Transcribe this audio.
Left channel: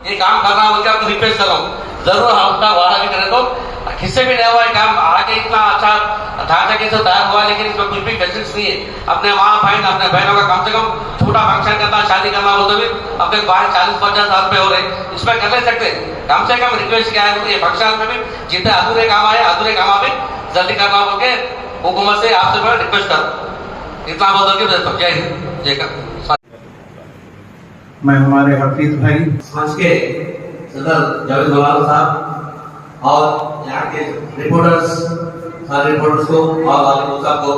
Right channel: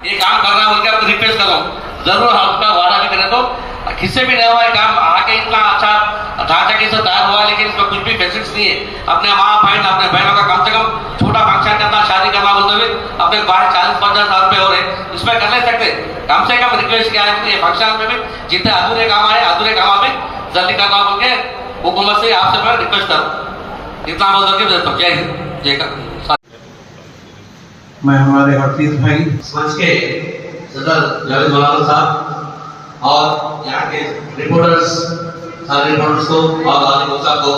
ये काम करना बोल आपको रिक्वेस्ट कर रहा हूँ, जरूर आपका वादा भी करें तो किससे भी नहीं हुआ है काम आगे इतना अच्छा ढांचा कैसे तैयार हुआ, लेकिन इसमें कुछ भी फैसिलिटीज नहीं है। अपने माँ बहन अपने बहनों का कम से कम छोटा फंक्शन करना, शादी करना बोलते हुए अपने 40-50 साल पे हो रहे, इसमें कर नहीं सकते। कम से कम रिक्वेस्ट किया है ये फंक्शन में भी जितने अधूरे काम आए अधूरे काम भी जल्दी करना बोल के हुकूमत से आपसे मैं रिक्वेस्ट करूँ, इतना बोल करके देता हूँ। जय हिंद जय का। मैं हमारे हफीज भाई मंच के सदर जावेद मौलाना साहब और यहाँ के रिपोर्टर्स, सारे रिपोर्टर्स को और वाले साहब को